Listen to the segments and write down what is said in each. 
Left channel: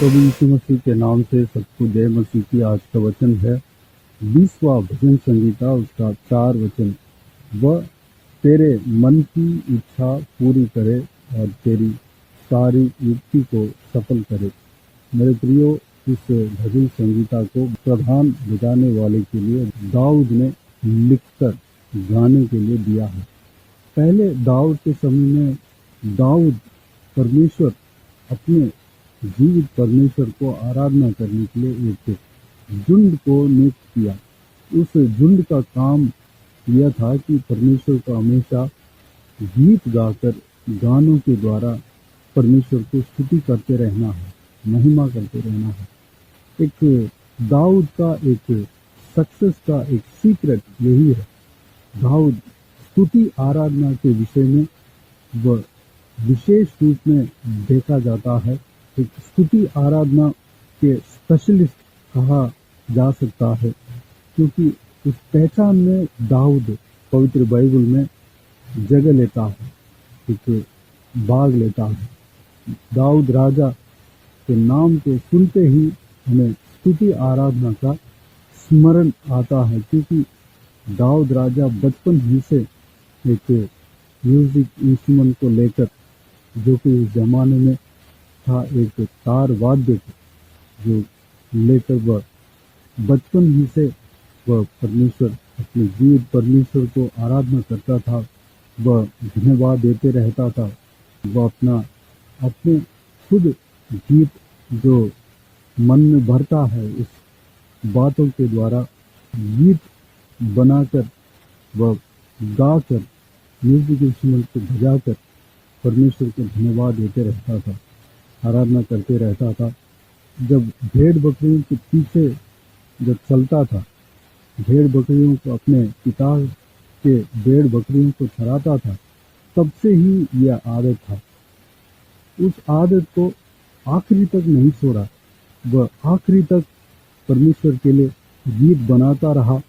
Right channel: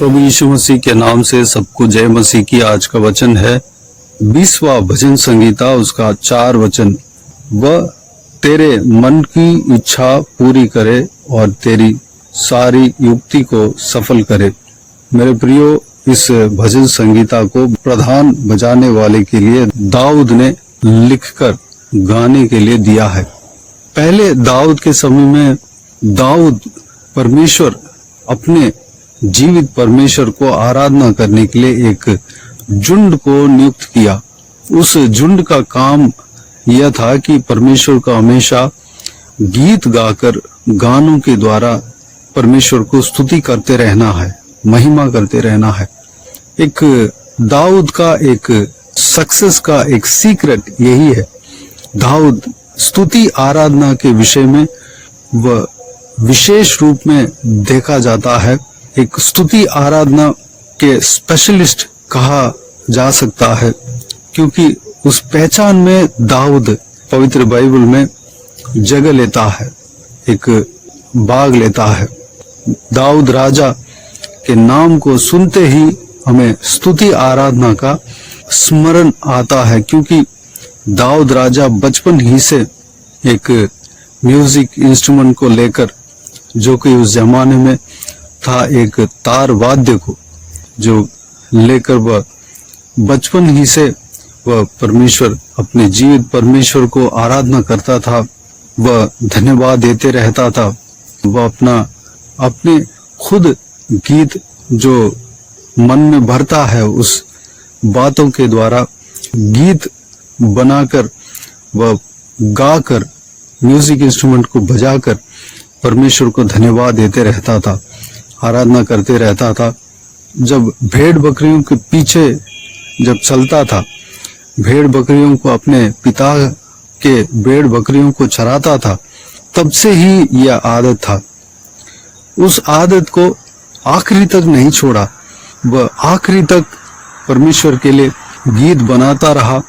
प्रभु यीशु मसीह के नाम से सबको जय मसीह की। आज का वचन है 20वां भजन संगीता, उसका 4 वचन। वह तेरे मन की इच्छा पूरी करे और तेरी सारी युक्ति को सफल करे। मेरे प्रियो, इस भजन संगीता को प्रधान बजाने वाले के लिए दाऊद ने लिखकर गाने के लिए दिया है। पहले दाऊद के समय में दाऊद परमेश्वर, अपने जीवित परमेश्वर को आराधना करने के लिए एक झुंड को नियुक्त किया। उस झुंड का काम यह था कि परमेश्वर का हमेशा गीत गाकर, गानों के द्वारा परमेश्वर को स्तुति करते रहना है, महिमा करते रहना है। एक दाऊद का एक सक्सेस का एक सीक्रेट यही है। दाऊद स्तुति आराधना के विषय में वह विशेष रूप में देखा जाता है। एक स्तुति आराधना के स्पेशलिस्ट कहा जा सकता है, क्योंकि उस पहचान में दाऊद पवित्र बाइबल में जगह लेता है, एक भाग लेता है। दाऊद राजा के नाम को सुनते ही हमें स्तुति आराधना का स्मरण आता है, क्योंकि दाऊद राजा बचपन ही से एक म्यूजिक इंस्ट्रूमेंट को लेकर, जो कि उस जमाने में था, एक तार वाद्य को जो लेकर वह बचपन ही से वह परमेश्वर, अपने जीवित परमेश्वर को आराधना करता था। वह धन्यवाद देते रहता था। वह अपने खुद गीत जो मन में भरता है, उस बातों के द्वारा गीत बनाकर, वह गाकर, म्यूजिक इंस्ट्रूमेंट को बजाकर परमेश्वर को धन्यवाद देते रहता था, आराधना करते रहता था। जब भेड़ बकरियों के पीछे जब चलता था, भेड़ बकरियों को, अपने पिता के भेड़ बकरियों को चराता था, तब से ही यह आदत था। उस आदत को आखिरी तक नहीं छोड़ा। वह आखिरी तक परमेश्वर के लिए गीत बनाता रहा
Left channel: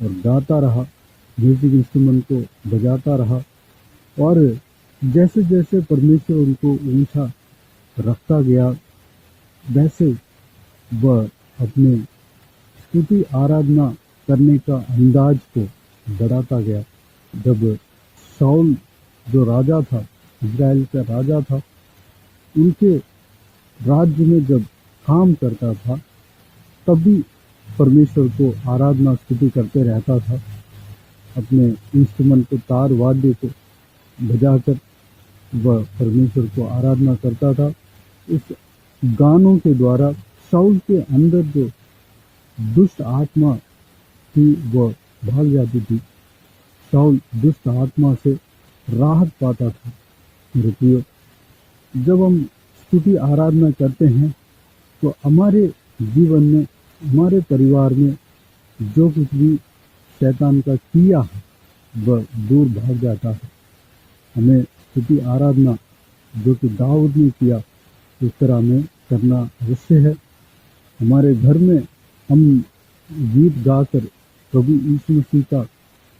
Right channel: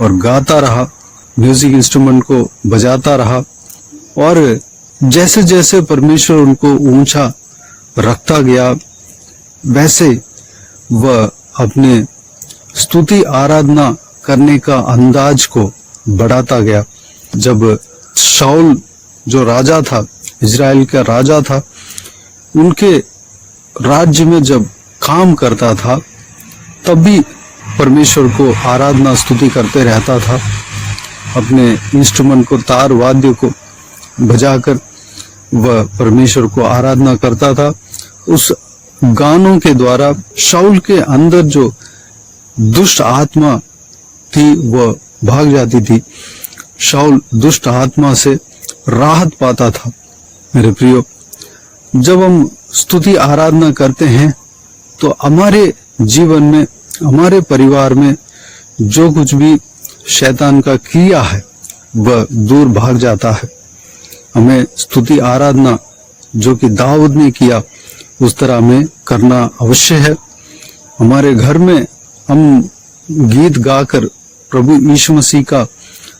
और गाता रहा, म्यूजिक इंस्ट्रूमेंट को बजाता रहा। और जैसे जैसे परमेश्वर उनको ऊंचा रखता गया, वैसे वह अपने स्तुति आराधना करने का अंदाज को बढ़ाता गया। जब शाऊल जो राजा था, इजराइल का राजा था, उनके राज्य में जब काम करता था, तब भी परमेश्वर को आराधना स्तुति करते रहता था। अपने इंस्ट्रूमेंट को, तार वाद्य को बजाकर वह परमेश्वर को आराधना करता था। उस गानों के द्वारा शाऊल के अंदर जो दुष्ट आत्मा थी वह भाग जाती थी। शाऊल दुष्ट आत्मा से राहत पाता था। मेरे प्रियो, जब हम स्तुति आराधना करते हैं तो हमारे जीवन में, हमारे परिवार में जो कुछ भी शैतान का क्रिया है वह दूर भाग जाता है। हमें स्तुति आराधना जो कि दाऊद ने किया, उस तरह हमें करना अवश्य है। हमारे घर में हम गीत गाकर, प्रभु यीशु मसीह का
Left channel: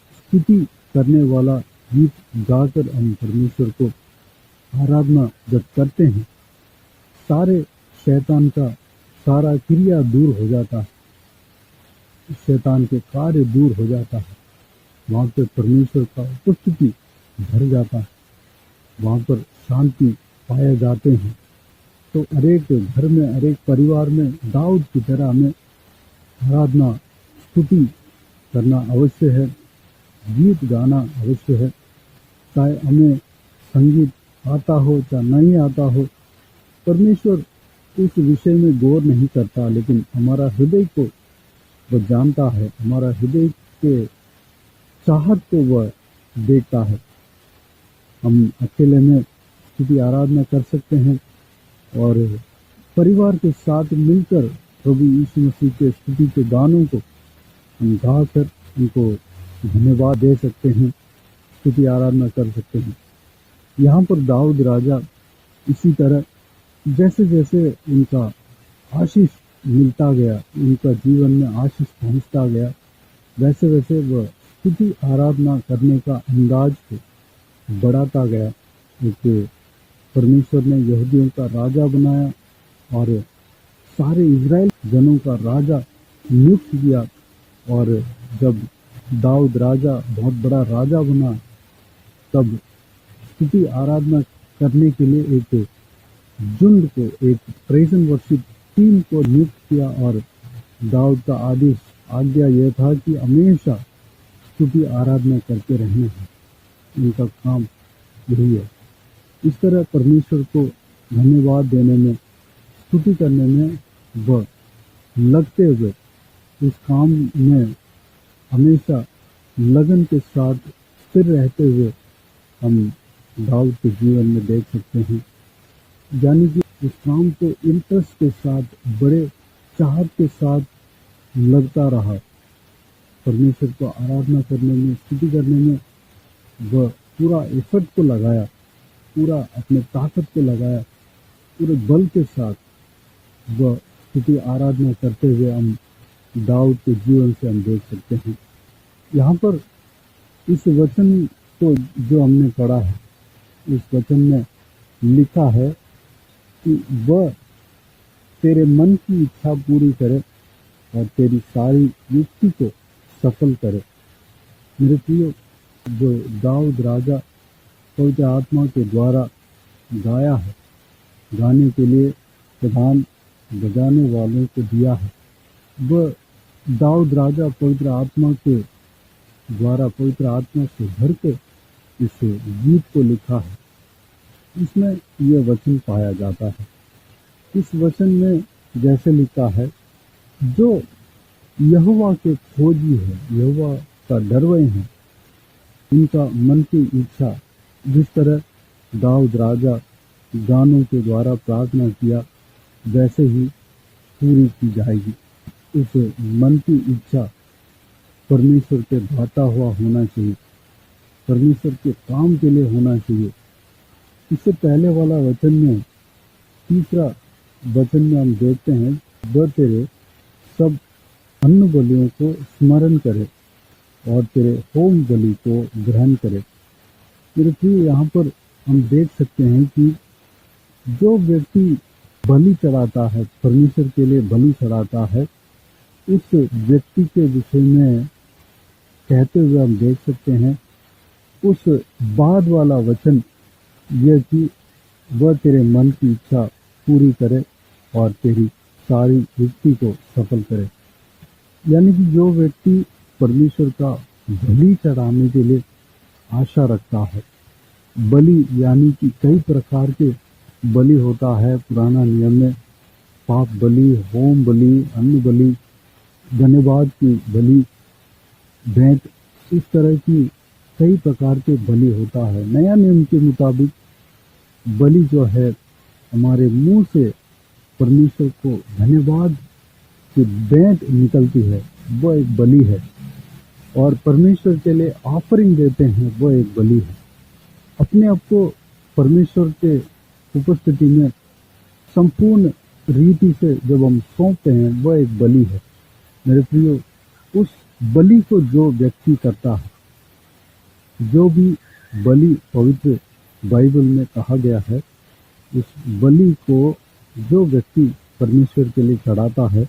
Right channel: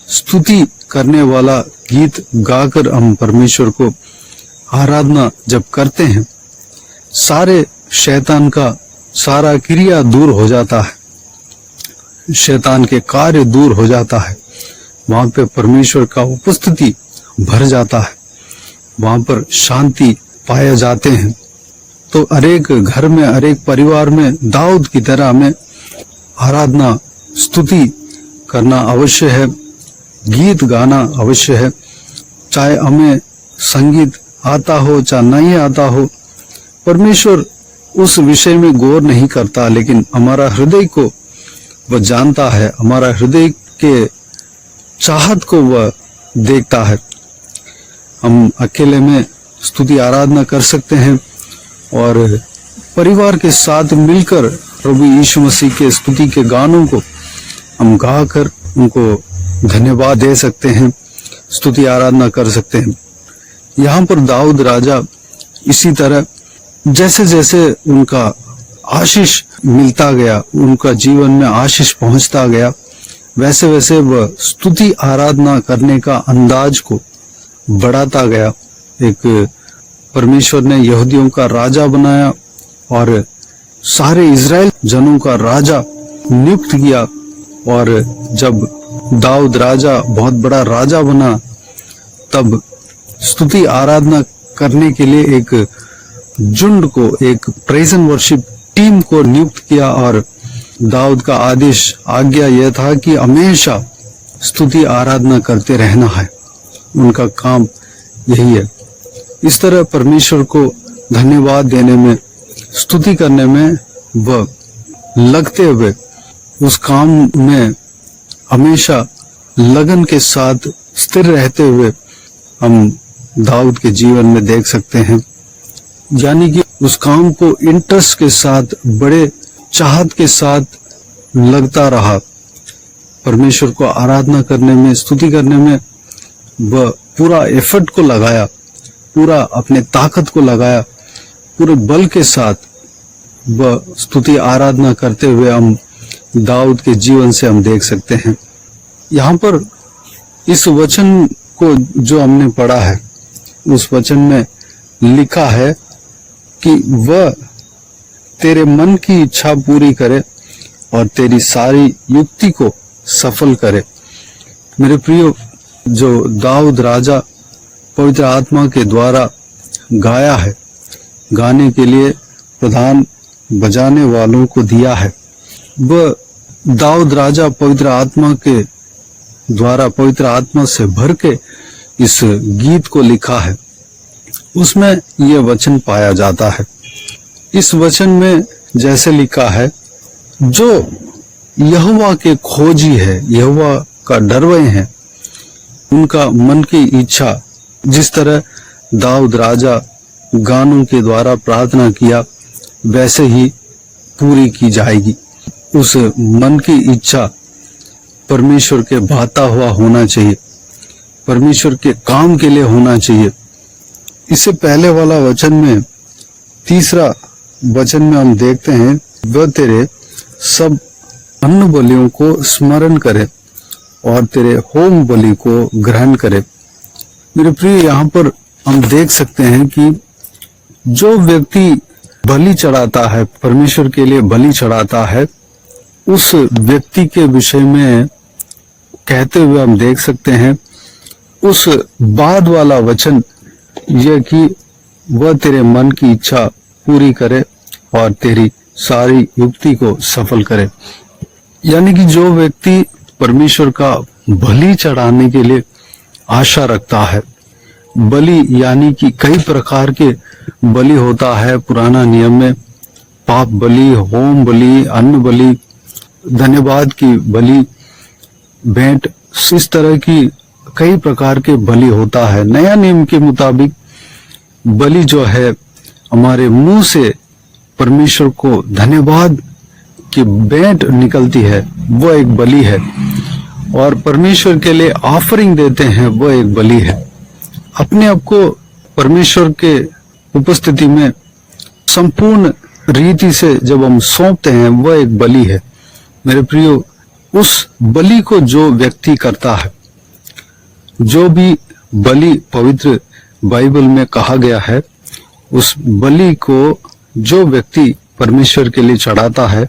स्तुति करने वाला गीत गाकर हम परमेश्वर को आराधना जब करते हैं, सारे शैतान का सारा क्रिया दूर हो जाता है, शैतान के कार्य दूर हो जाता है। वहां पे परमेश्वर का उपस्थिति भर जाता है, वहां पर शांति पाए जाते हैं। तो हरेक घर में, हरेक परिवार में दाऊद की तरह हमें आराधना स्तुति करना अवश्य है, गीत गाना अवश्य है। चाहे हमें संगीत आता हो चाहे नहीं आता हो, परमेश्वर उस विषय में गौर नहीं करता, लेकिन हमारा हृदय को वह जानता है, हमारा हृदय के चाहत को वह देखता है। हम अकेले में स्तुति आराधना कर सकते हैं और परिवार के साथ मिलकर प्रभु यीशु मसीह के स्तुति के गानों को हम गाकर उनको धन्यवाद दे सकते हैं, स्तुति आराधना कर सकते हैं। यहाँ पर दाऊद राजा इसी तरह जैसे जैसे उनका आशीष मिलता गया, उनका जीवन में आशीष पहुंचता गया, वैसे वैसे वह स्तुति आराधना करने का अंदाज को बढ़ाता गया। एक परमेश्वर ने यहूदियों का राजा बनाया और सारे इज़राइल जनों का राजा नियुक्त किया। और जब दाऊद राजा बहुत बड़ा राजा बना, तब स्तुति आराधना करने के लिए एक झुंड को, एक प्रेज एंड वर्शिप टीम को नियुक्त किया। और दाऊद का आदेश, आज्ञा यह था कि हमेशा स्तुति आराधना करते रहना है, उनका काम यही है। इस तरह परमेश्वर को धन्यवाद देने में, स्तुति करने में वह लगते हुए उस काम में हमेशा लगन के साथ स्थिर रहते हुए हम दाऊद के जीवन में देख सकते हैं। यानी कि उस काम को इंटरेस्ट के साथ, बड़े चाहत के साथ लगता रहा। परमेश्वर को आराधना करने में, स्तुति करने में वह पूरा एफर्ट को लगाया, पूरा अपने ताकत को लगाया, पूरे बल के साथ वह स्तुति आराधना करते हुए हम दाऊद के जीवन से हम देख सकते हैं। यहाँ पर इस वचन को जो हमने पढ़ा है, उस वचन में लिखा है कि वह तेरे मन की इच्छा पूरी करे और तेरी सारी युक्ति को सफल करे। मेरे प्रियो, जो दाऊद राजा पवित्र आत्मा के द्वारा गाया है, गाने के लिए प्रधान बजाने वालों को दिया है, वह दाऊद राजा पवित्र आत्मा के द्वारा, पवित्र आत्मा से भर के इस गीत को लिखा है। उसमें यह वचन पाया जाता है। इस वचन में जैसे लिखा है, जो यहोवा के खोजी है, यहोवा का डरवे हैं, उनका मन की इच्छा, जिस तरह दाऊद राजा गानों के द्वारा प्रार्थना किया, वैसे ही पूरी की जाएगी। उस मन की इच्छा परमेश्वर के भाता हुआ होना चाहिए, परमेश्वर के काम के लिए होना चाहिए। इससे पहले वाला वचन में, तीसरा वचन में हम देखते हैं, वह तेरे सब अन्न बलियों को स्मरण करे और तेरे होम बलि को ग्रहण करे। मेरे प्रिय, यहाँ पर हम देख सकते हैं कि जो व्यक्ति बलि चढ़ाता है, परमेश्वर के लिए बलि चढ़ाता है, उस व्यक्ति के विषय में कहते हुए हम देख सकते हैं, उस बाद वाला वचन यह कि वह तेरे मन की इच्छा पूरी करे और तेरी सारी युक्ति को सफल करे। यानी कि जो व्यक्ति परमेश्वर का बलि चढ़ाने के लिए आशा रखता है, बलि यानी कि कई प्रकार के बलि होता है पुराना नियम में, पाप बलि, होम बलि, अन्न बलि, धन्यवाद की बलि, भेंट, इस तरह की कई प्रकार के बलि होता है। नया नियम के मुताबिक बलि जो है, हमारे मुंह से परमेश्वर को धन्यवाद की भेंट निकलती है, वो एक बलि है। और परमेश्वर के लिए ऑफरिंग देते हैं, वो एक बलि है। अपने आप को परमेश्वर के उपस्थिति में संपूर्ण रीति से जब हम सौंपते हैं, वह एक बलि है। मेरे प्रियो, उस बलि को जो व्यक्ति करता है, जो भी बलि पवित्र बाइबल में कहा गया है, उस बलि को जो व्यक्ति परमेश्वर के लिए चढ़ाता है,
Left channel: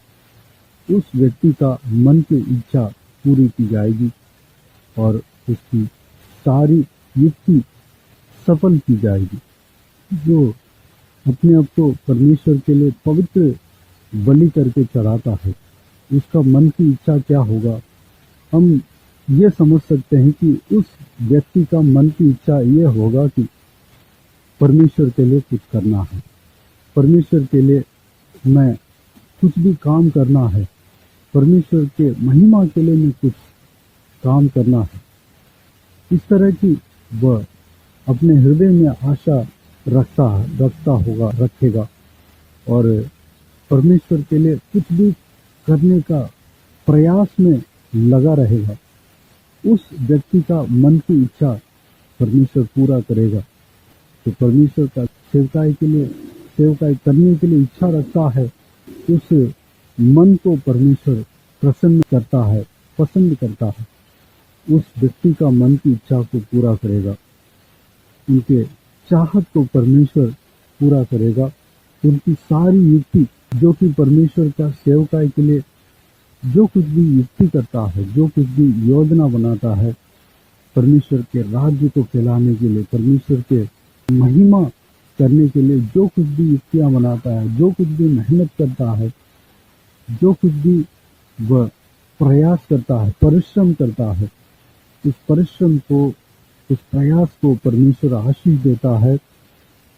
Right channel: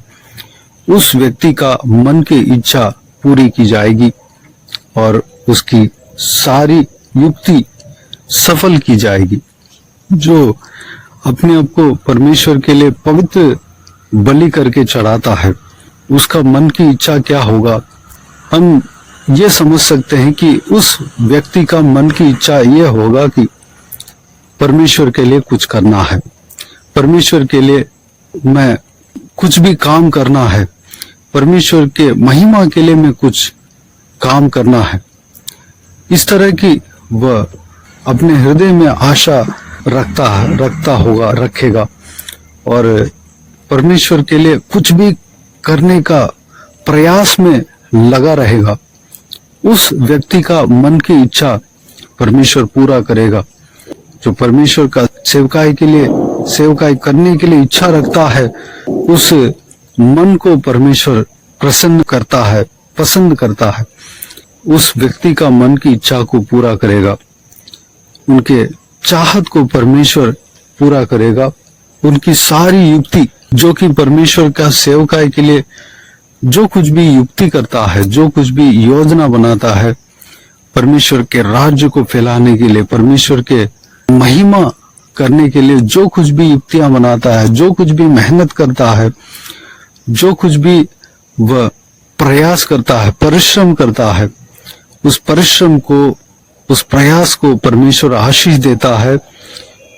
उस व्यक्ति का मन की इच्छा पूरी की जाएगी और उसकी सारी युक्ति सफल की जाएगी। जो अपने आप को परमेश्वर के लिए पवित्र बलि करके चढ़ाता है, उसका मन की इच्छा क्या होगा, हम ये समझ सकते हैं कि उस व्यक्ति का मन की इच्छा ये होगा कि परमेश्वर के लिए कुछ करना है, परमेश्वर के लिए मैं कुछ भी काम करना है, परमेश्वर के महिमा के लिए मैं कुछ काम करना है। इस तरह की वह अपने हृदय में आशा रखेगा और परमेश्वर के लिए कुछ भी करने का प्रयास में लगा रहेगा। उस व्यक्ति का मन की इच्छा परमेश्वर पूरा करेगा। जो परमेश्वर का सेवकाई करने के लिए इच्छा रखता है, उस मन को परमेश्वर पसंद करता है। उस व्यक्ति का मन की इच्छा को पूरा करेगा, उनके चाहत को परमेश्वर पूरा करेगा, उनकी सारी युक्ति जो कि परमेश्वर का सेवकाई के लिए जो कुछ भी युक्ति करता है, जो कुछ भी योजना बनाता है, परमेश्वर के राज्य को फैलाने के लिए, परमेश्वर के महिमा करने के लिए जो कुछ भी युक्तियां बनाता है, जो कुछ भी मेहनत करता है, जो कुछ भी वह प्रयास करता है, परिश्रम करता है, उस परिश्रम को, उस प्रयास को परमेश्वर आशीष देता है,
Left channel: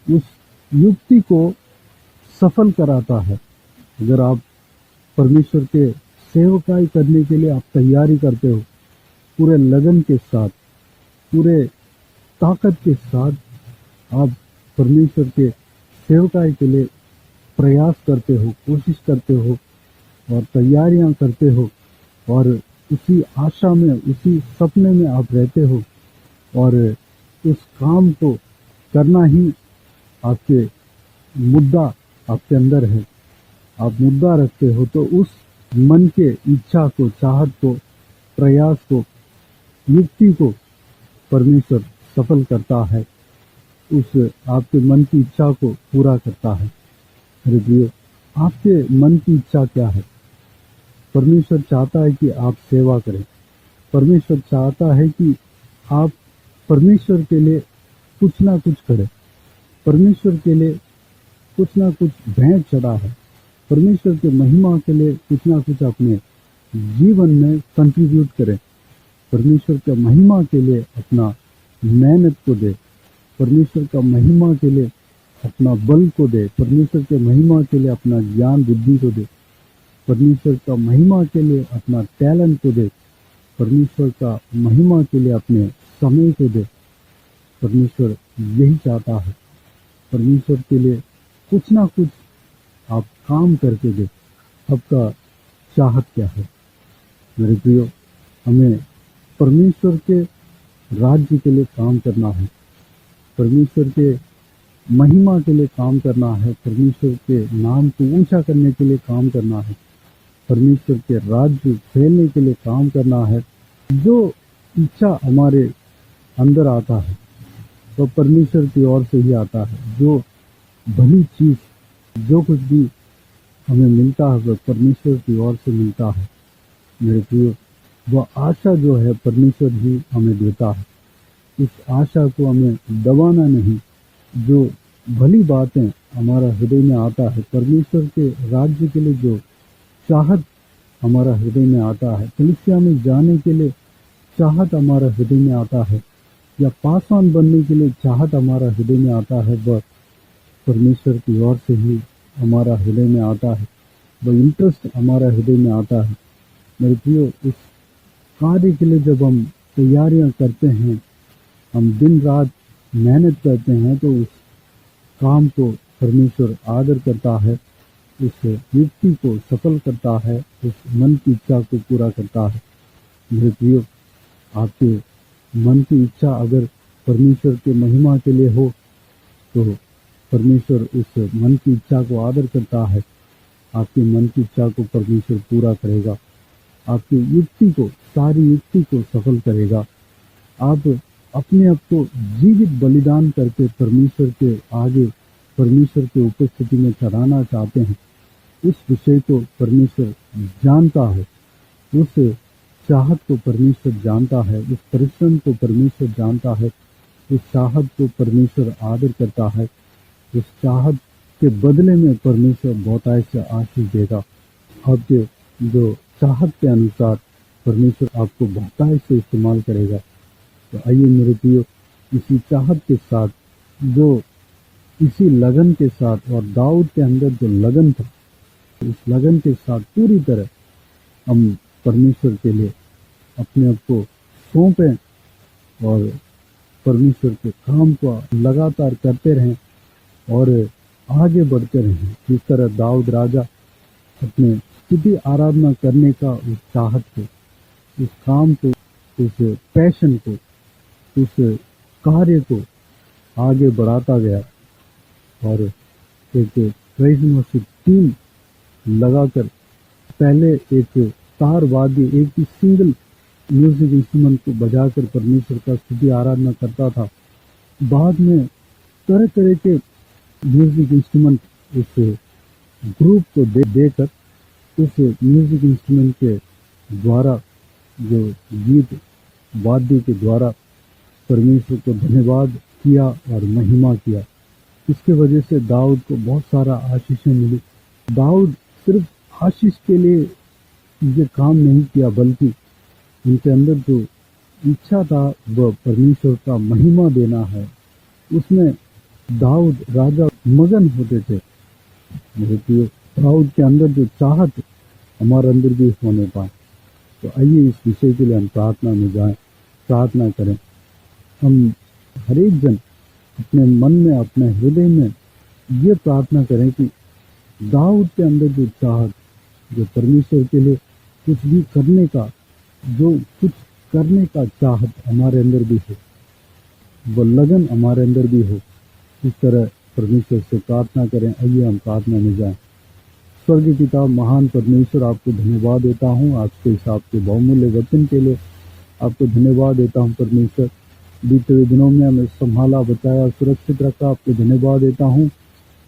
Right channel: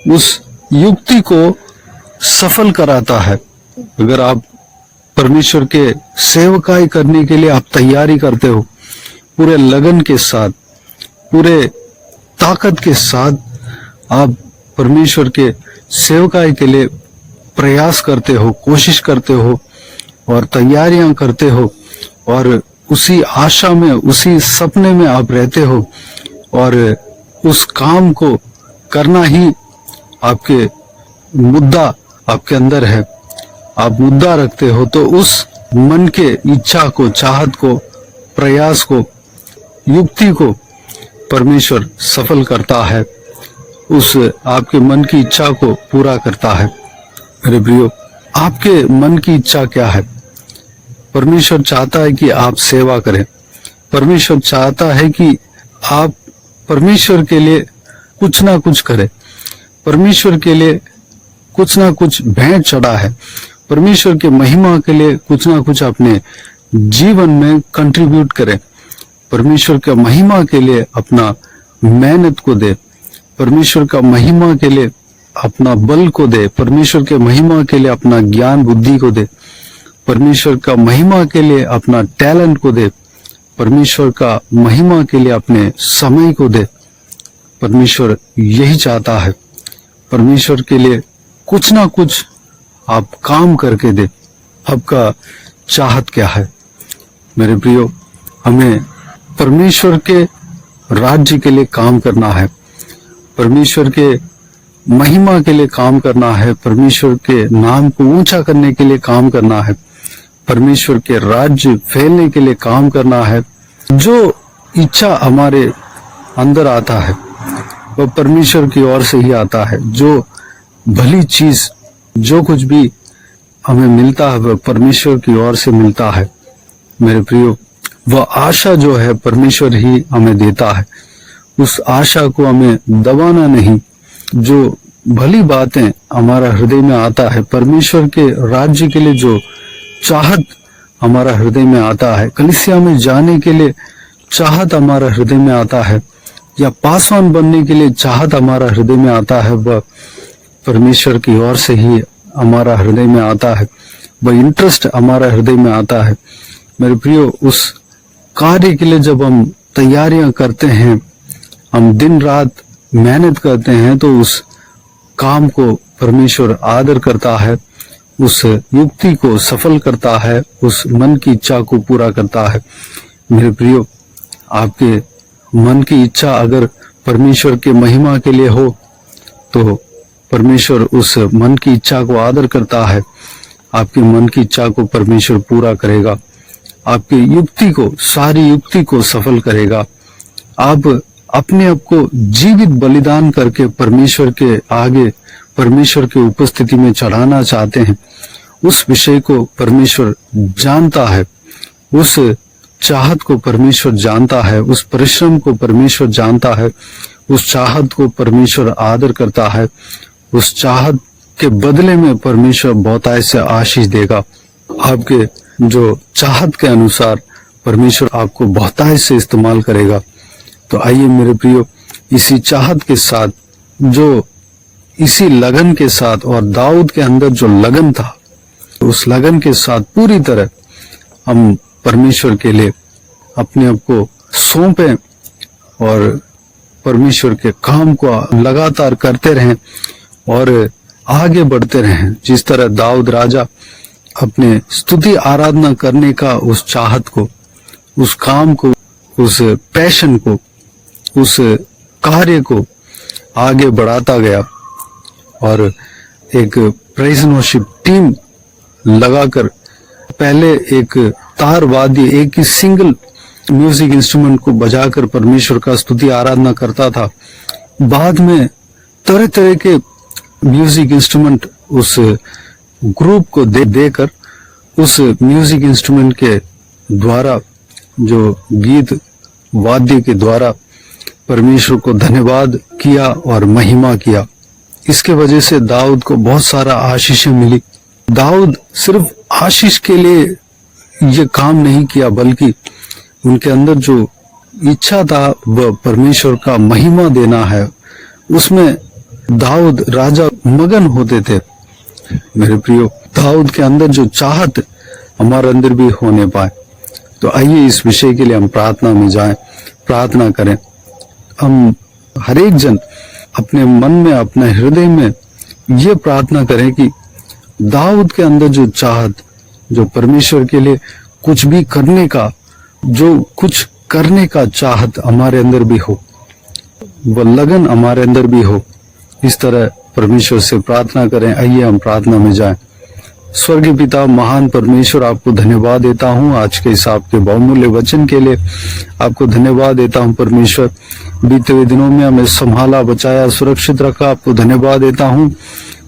उस युक्ति को सफल कराता है। अगर आप परमेश्वर के सेवकाई करने के लिए आप तैयारी करते हो, पूरे लगन के साथ, पूरे ताकत के साथ आप परमेश्वर के सेवकाई के लिए प्रयास करते हो, कोशिश करते हो और तैयारियां करते हो, और उसी आशा में, उसी सपने में आप रहते हो, और उस काम को करना ही आपके मुद्दा आपके अंदर है, आप मुद्दा रखते हो, तो उस मन के इच्छा को, चाहत को, प्रयास को, युक्ति को परमेश्वर सफल करता है, उस आपके मन की इच्छा को पूरा करता है। मेरे प्रियो, आपके मन की इच्छा क्या है? परमेश्वर चाहता है कि आप सेवा करें। परमेश्वर चाहता है कि आप परमेश्वर के लिए कुछ ना कुछ करें। परमेश्वर के लिए कुछ ना कुछ भेंट चढ़ा है। परमेश्वर के महिमा के लिए कुछ ना कुछ अपने जीवन में कंट्रीब्यूट करें। परमेश्वर का महिमा के लिए अपना मेहनत को दे। परमेश्वर का महिमा के लिए अपना बल को दे। परमेश्वर के महिमा के लिए अपना ज्ञान बुद्धि को दे। परमेश्वर का महिमा के लिए अपना टैलेंट को दे। परमेश्वर का महिमा के लिए अपने समय को दे। परमेश्वर यही चाहता है। परमेश्वर के लिए कुछ ना कुछ आप काम करके दे। आपका चाहत क्या है? मेरे प्रियो, हमें परमेश्वर के राज्य के लिए काम करना है। परमेश्वर के महिमा के लिए काम करना है। परमेश्वर के नाम को ऊंचा करने के लिए काम करना है। परमेश्वर के राज्य फैलने के लिए काम करना है। जो इच्छा हमारे अंदर आता है वह परमेश्वर की ओर से ही आता है। जो भली चीज, जो कुछ भी हमें मिलता है वह परमेश्वर की ओर से मिलता है। मेरे प्रियो, वह आशा जो है परमेश्वर ही हमें देता है। उस आशा को हमें दबाना नहीं। जो भली बातें हमारा हृदय में आता है, परमेश्वर के राज्य के लिए जो चाहत हमारा हृदय में आता है, कलीसिया में जाने के लिए चाहत हमारा हृदय में आता है, या पासवान बनने के लिए चाहत हमारा हृदय में आता है, वह परमेश्वर की ओर से ही हमारा हृदय में आता है। वह इंटरेस्ट हमारा हृदय में आता है। मेरे प्रियो, उस कार्य के लिए जब हम तैयारियां करते हैं, हम दिन रात मेहनत करते हैं, तो उस काम को परमेश्वर आदर करता है, उस युक्ति को सफल करता है, उस मन की इच्छा को पूरा करता है। मेरे प्रियो, आपके मन की इच्छा अगर परमेश्वर के महिमा के लिए हो तो परमेश्वर उस मन की इच्छा को आदर करता है। आपकी मन की इच्छा को परमेश्वर पूरा करेगा। आपकी युक्ति को, सारी युक्ति को सफल करेगा। आप अपने आप को जीवित बलिदान करके परमेश्वर के आगे, परमेश्वर की उपस्थिति में चढ़ाना चाहते हैं। उस विषय को परमेश्वर जानता है। उस चाहत को परमेश्वर जानता है। उस परिश्रम को परमेश्वर जानता है। उस चाहत को परमेश्वर आदर करता है। उस चाहत के बदले में परमेश्वर बहुतायत से आशीष देगा। आपके जो चाहत के अनुसार परमेश्वर आपको बहुतायत से इस्तेमाल करेगा। तो आइए मेरे प्रियो, इसी चाहत के साथ, जो इसी लगन के साथ, और दाऊद के अंदर जो लगन था, उस लगन के साथ पूरी तरह हम परमेश्वर के लिए अपने आप को सौंपें और परमेश्वर के काम को लगातार करते रहें और आगे बढ़ते रहें। जिस तरह दाऊद राजा अपने स्तुति आराधना करने का उस चाहत को, उस काम को, उस पैशन को, उस कार्य को आगे बढ़ाता गया और एक प्रेज़ एंड वर्शिप टीम लगाकर पहले एक तार वाद्य, एक ही सिंगल म्यूजिक इंस्ट्रूमेंट को बजाकर परमेश्वर का स्तुति आराधना करता था। बाद में तरह तरह के म्यूजिक इंस्ट्रूमेंट उस ग्रुप को देकर उस म्यूजिक इंस्ट्रूमेंट के द्वारा, जो गीत वाद्य के द्वारा परमेश्वर को धन्यवाद किया और महिमा किया। इसके वजह से दाऊद को बहुत सारा आशीषें मिली। दाऊद सिर्फ आशीष के लिए ये काम नहीं किया, बल्कि उनके अंदर जो इच्छा था वह परमेश्वर का महिमा देना है, उसमें दाऊद राजा मगन होते थे। मेरे प्रियो, दाऊद के अंदर जो चाहत हमारे अंदर भी होने पाए। तो आइए इस विषय के लिए हम प्रार्थना में जाएं, प्रार्थना करें। हम हर एक जन अपने मन में, अपने हृदय में ये प्रार्थना करें कि दाऊद के अंदर जो चाहत, जो परमेश्वर के लिए कुछ भी करने का, जो कुछ करने का चाहत हमारे अंदर भी हो, वह लगन हमारे अंदर भी हो। इस तरह परमेश्वर से प्रार्थना करें। आइए हम प्रार्थना में जाएं। स्वर्गीय पिता, महान परमेश्वर, आपको धन्यवाद देता हूँ आज के इस आपके बहुमूल्य वचन के लिए। आपको धन्यवाद देता हूँ परमेश्वर, बीते हुए दिनों में हमें संभाला, बचाया, सुरक्षित रखा। आपको धन्यवाद देता हूँ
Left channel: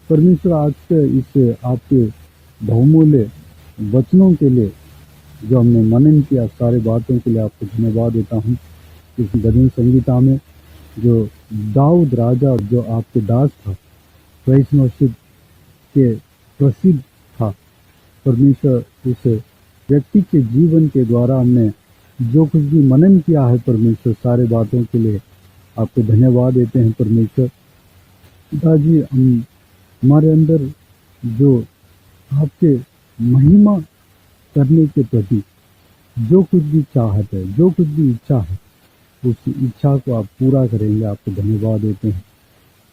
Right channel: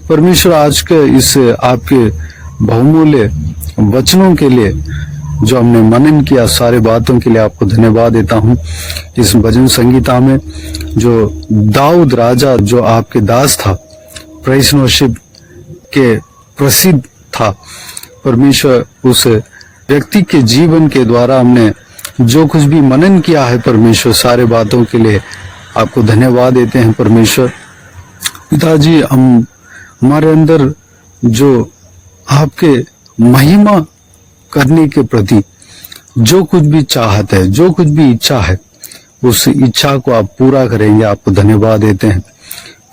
परमेश्वर, आज के इस आपके बहुमूल्य वचनों के लिए जो हमने मनन किया, सारे बातों के लिए आपको धन्यवाद देता हूँ। इस भजन संगीता में जो दाऊद राजा, जो आपके दास था, प्रेज़ वर्शिप के प्रसिद्ध था, परमेश्वर उस व्यक्ति के जीवन के द्वारा हमने जो कुछ भी मनन किया है परमेश्वर, सारे बातों के लिए आपको धन्यवाद देते हैं परमेश्वर। पिताजी, हमारे अंदर जो आपके महिमा करने के प्रति जो कुछ भी चाहत है, जो कुछ भी इच्छा है, उस इच्छा को आप पूरा करेंगे, आपको धन्यवाद देते हैं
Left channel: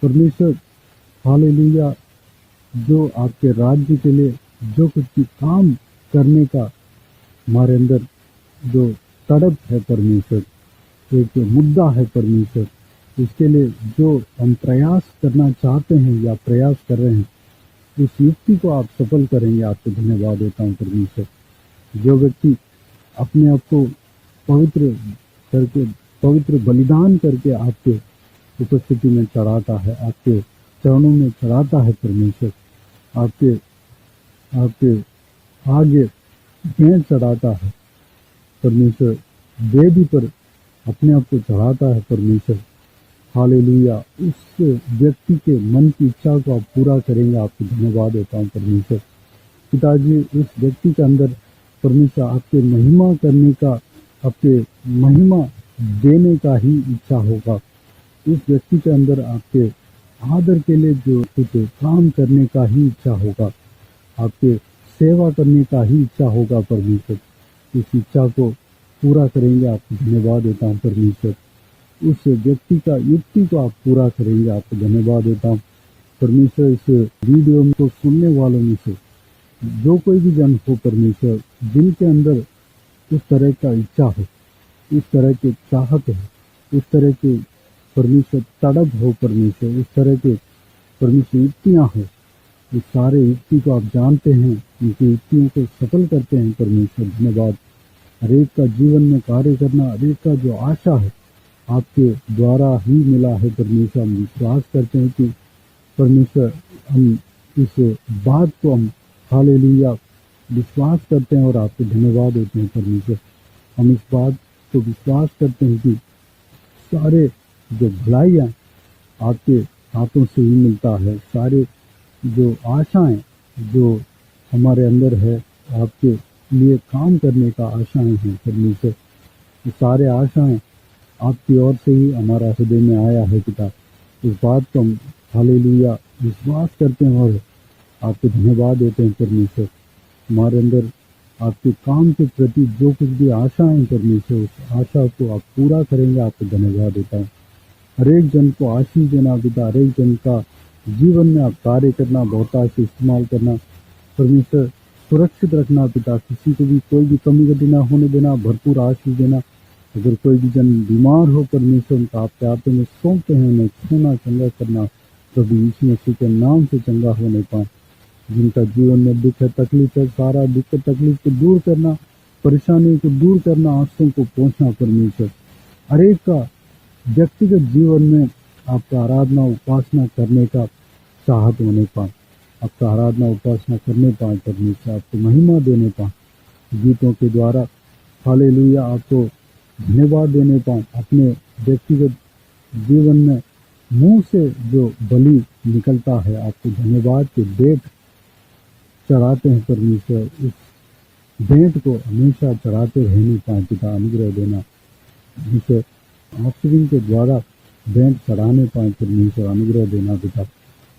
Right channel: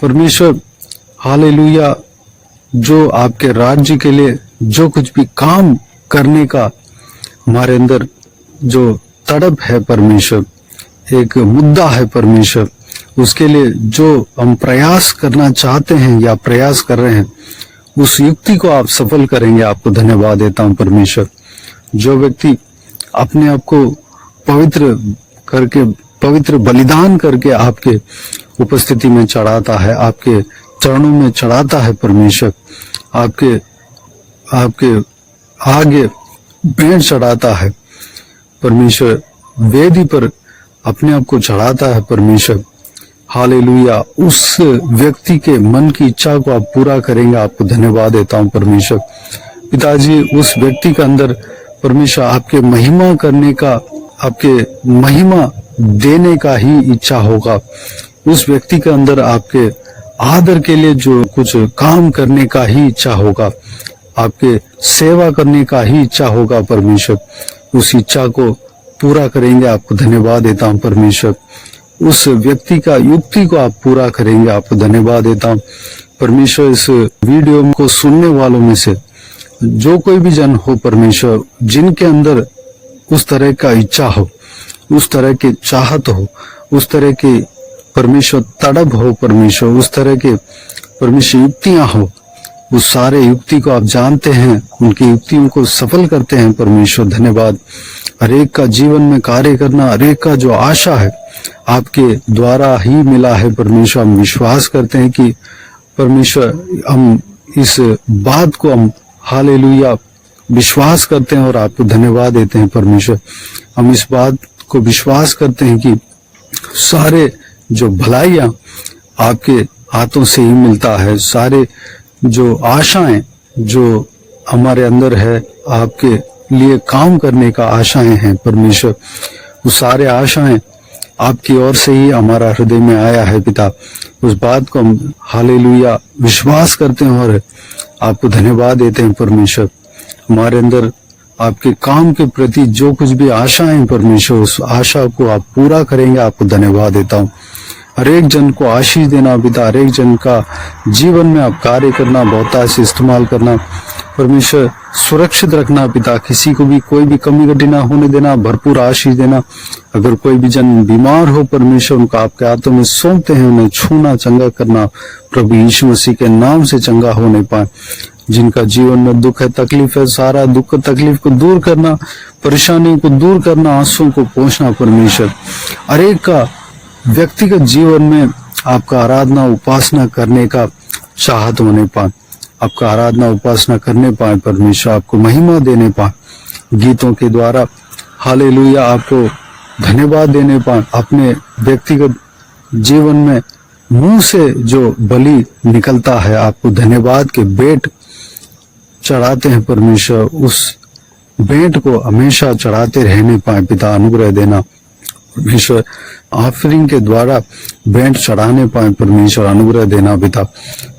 परमेश्वर। हालेलुया। जो आपके राज्य के लिए जो कुछ भी काम करने का हमारे अंदर जो तड़प है परमेश्वर, एक मुद्दा है परमेश्वर, उसके लिए जो हम प्रयास करना चाहते हैं या प्रयास कर रहे हैं, उस युक्ति को आप सफल करेंगे, आपको धन्यवाद देता हूं परमेश्वर। जो व्यक्ति अपने आप को पवित्र करके, पवित्र बलिदान करके आपके उपस्थिति में चढ़ाता है, आपके चरणों में चढ़ाता है परमेश्वर, आपके आगे भेंट चढ़ाता है परमेश्वर, वेदी पर अपने आप को चढ़ाता है परमेश्वर। हालेलुया। उस व्यक्ति के मन की इच्छा को आप पूरा करेंगे, आपको धन्यवाद देता हूं परमेश्वर। पिताजी, उस व्यक्ति के अंदर परमेश्वर आपके महिमा करने का, आपके महिमा देने का ही इच्छा होगा। उस व्यक्ति के अंदर आपके आदर के लिए जो कुछ काम करने का ही इच्छा होगा, आपके सेवा करने का ही इच्छा होगा परमेश्वर। उस इच्छा को पूरा करेंगे, आपको धन्यवाद देता हूं परमेश्वर। उस व्यक्ति का युक्ति को आप पूरा करेंगे, आपको धन्यवाद देता हूं परमेश्वर। इस वीडियो को सुनने वालों में से जो कोई भी जन हो परमेश्वर, जिनके अंदर उस तरह का इच्छा हो, उस तरह की चाहत हो, उस तरह की परमेश्वर तड़प हो परमेश्वर, उस तरह के परमेश्वर युक्तियां हो, उस सारे युक्ति को आप जानते हैं, उनकी युक्तियों को सफल करते हैं परमेश्वर। धन्यवाद। हर एक का जीवन में कार्य करना, हर एक का जो आशा है आपके द्वारा ही मिला है परमेश्वर। हम विश्वास करते हैं कि परमेश्वर, हम इस बात को हम हालेलुया विश्वास करते हैं और आपको धन्यवाद देते हैं परमेश्वर। हम इस बात को विश्वास करते हैं कि सारे जो भलाइयां आपके हाथों से ही मिलता है, सारे जो आशाएं जो हमारे अंदर है, आपके लिए काम करने का आशाएं हैं परमेश्वर, वो सारे आशाएं आपकी ओर से ही हमारा हृदय में आया है पिता। उस बात को हम हालेलुया विश्वास करते हैं और आपको धन्यवाद देते हैं परमेश्वर। हमारे अंदर आपके काम के प्रति जो कुछ भी आशाएं परमेश्वर, उस आशा को आप पूरा करेंगे, आपको धन्यवाद देता हूँ। हर एक जन को आशीष देना पिता, हर एक जन का जीवन में आप कार्य करना, बहुतायत से इस्तेमाल करना परमेश्वर, सुरक्षित रखना पिता, किसी को भी कोई भी कमी घटी ना होने देना, भरपूर आशीष देना। अगर कोई भी जन बीमार हो परमेश्वर, उनका आपके हाथों में सौंपते हैं, उन्हें छूना, चंगा करना प्रभु यीशु मसीह के नाम से चंगा होने पाए। जिनका जीवन में दुख है, तकलीफ है, सारा दुख तकलीफ को दूर करना, परेशानियों को दूर करना, आंसुओं को पोंछना परमेश्वर। हर एक का व्यक्तिगत जीवन में आपका आराधना, उपासना करने का चाहत होने पाए। आपका आराधना उपासना करने पाए परमेश्वर, आपको महिमा देने पाए गीतों के द्वारा। हालेलुया, आपको धन्यवाद देने पाए। अपने व्यक्तिगत जीवन में मुंह से जो बलि निकलता है, आपको धन्यवाद के भेंट चढ़ाते हैं परमेश्वर, उस भेंट को हमेशा चढ़ाते रहने पाए पिता, अनुग्रह देना परमेश्वर। ऑफरिंग के द्वारा भेंट चढ़ाने पाए परमेश्वर, अनुग्रह देना पिता।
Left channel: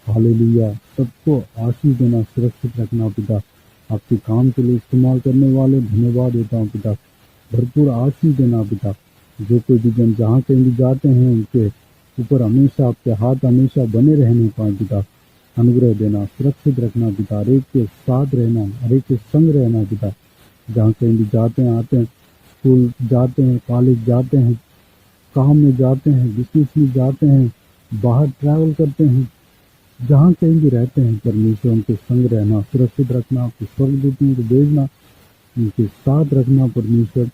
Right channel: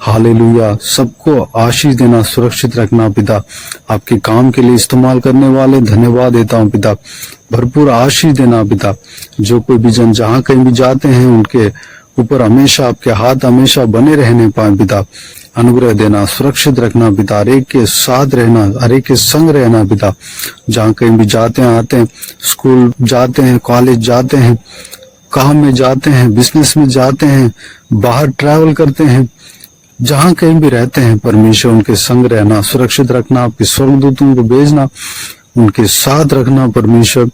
हालेलुया, सबको आशीष देना, सुरक्षित रखना पिता। आपके काम के लिए इस्तेमाल करने वाले धन्यवाद देता हूँ पिता, भरपूर आशीष देना पिता। जो कोई भी जन जहाँ कहीं भी जाते हैं उनके ऊपर हमेशा आपके हाथ हमेशा बने रहने पाए पिता, अनुग्रह देना, सुरक्षित रखना पिता। हर एक के साथ रहना, हर एक के संग रहना पिता। जहाँ कहीं भी जाते हैं आते हैं, स्कूल जाते हैं, कॉलेज जाते हैं, काम में जाते हैं, बिजनेस में जाते हैं, बाहर ट्रैवल करते हैं, जहाँ कहीं भी रहते हैं परमेश्वर उनके संग रहना, सुरक्षित रखना। आपके स्वर्गदूतों को भेजना, उनके साथ रखना परमेश्वर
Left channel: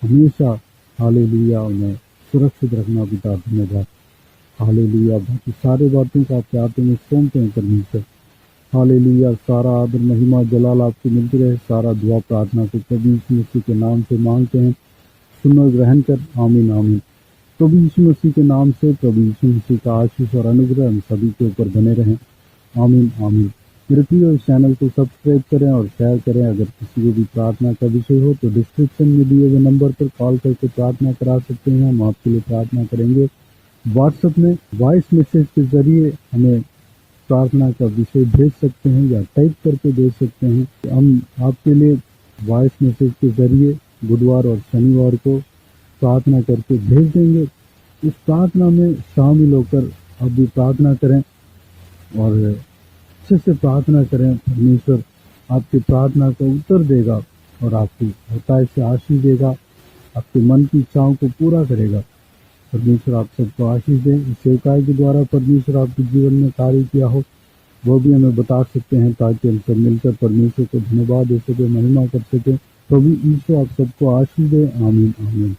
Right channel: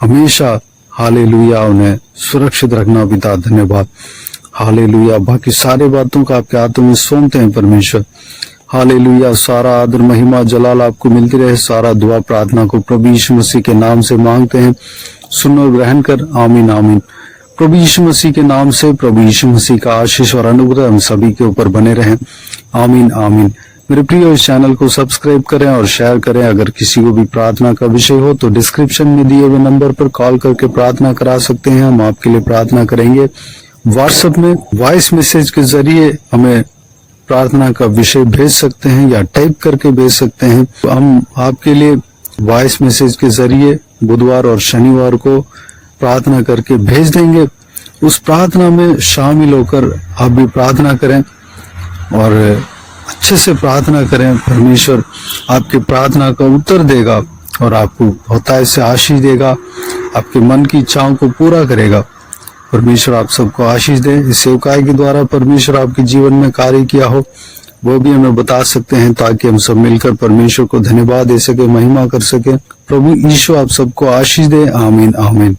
हमेशा। हालेलुया, उन्हें सुरक्षित रखना पिता, धन्यवाद। हालेलुया, बाकी सारी बातों का आपके हाथों में सौंपते हैं परमेश्वर। हालेलुया, सारा आदर महिमा जलाल आपको मिलती रहे। सारा दुआ प्रार्थना को प्रभु यीशु मसीह के नाम से मांगते हैं, सुन और ग्रहण कर, आमीन आमीन। प्रभु यीशु मसीह के नाम से प्रभु यीशु मसीह का आशीष और अनुग्रह हम सभी के ऊपर बने रहें, आमीन आमीन। मेरे प्रिय, इस चैनल को सब्सक्राइब करें और शेयर करें। अगर किसी को भी प्रार्थना का विषय हो तो डिस्क्रिप्शन में दिए हुए नंबर पर कॉल करके प्रार्थना करा सकते हैं, हम आपके लिए प्रार्थना करेंगे। व्हाट्सएप में वॉइस मैसेज के जरिए हमें प्रार्थना का विषय भेज सकते हैं या टाइप करके भेज सकते हैं। तो हम आपके लिए वॉइस मैसेज के जरिए बुधवार और शनिवार को प्रार्थना करके भेज देंगे। उस प्रार्थना में शामिल होकर आप भी प्रार्थना करें और अच्छे से प्रार्थना करें। परमेश्वर आपकी प्रार्थना का उत्तर देगा और आपको बहुतायत से आशीष देगा, आपके मन की इच्छाओं को पूरा करेगा। परमेश्वर आप सबको आशीष दे। इस सेवकाई के द्वारा परमेश्वर आपके जीवन में कार्य किया हो वो भी हमें बता सकते हैं, ताकि हम सब मिलकर परमेश्वर को धन्यवाद दे सके, महिमा कर सके। प्रभु यीशु आप सबको आशीष दे, आमीन आमीन।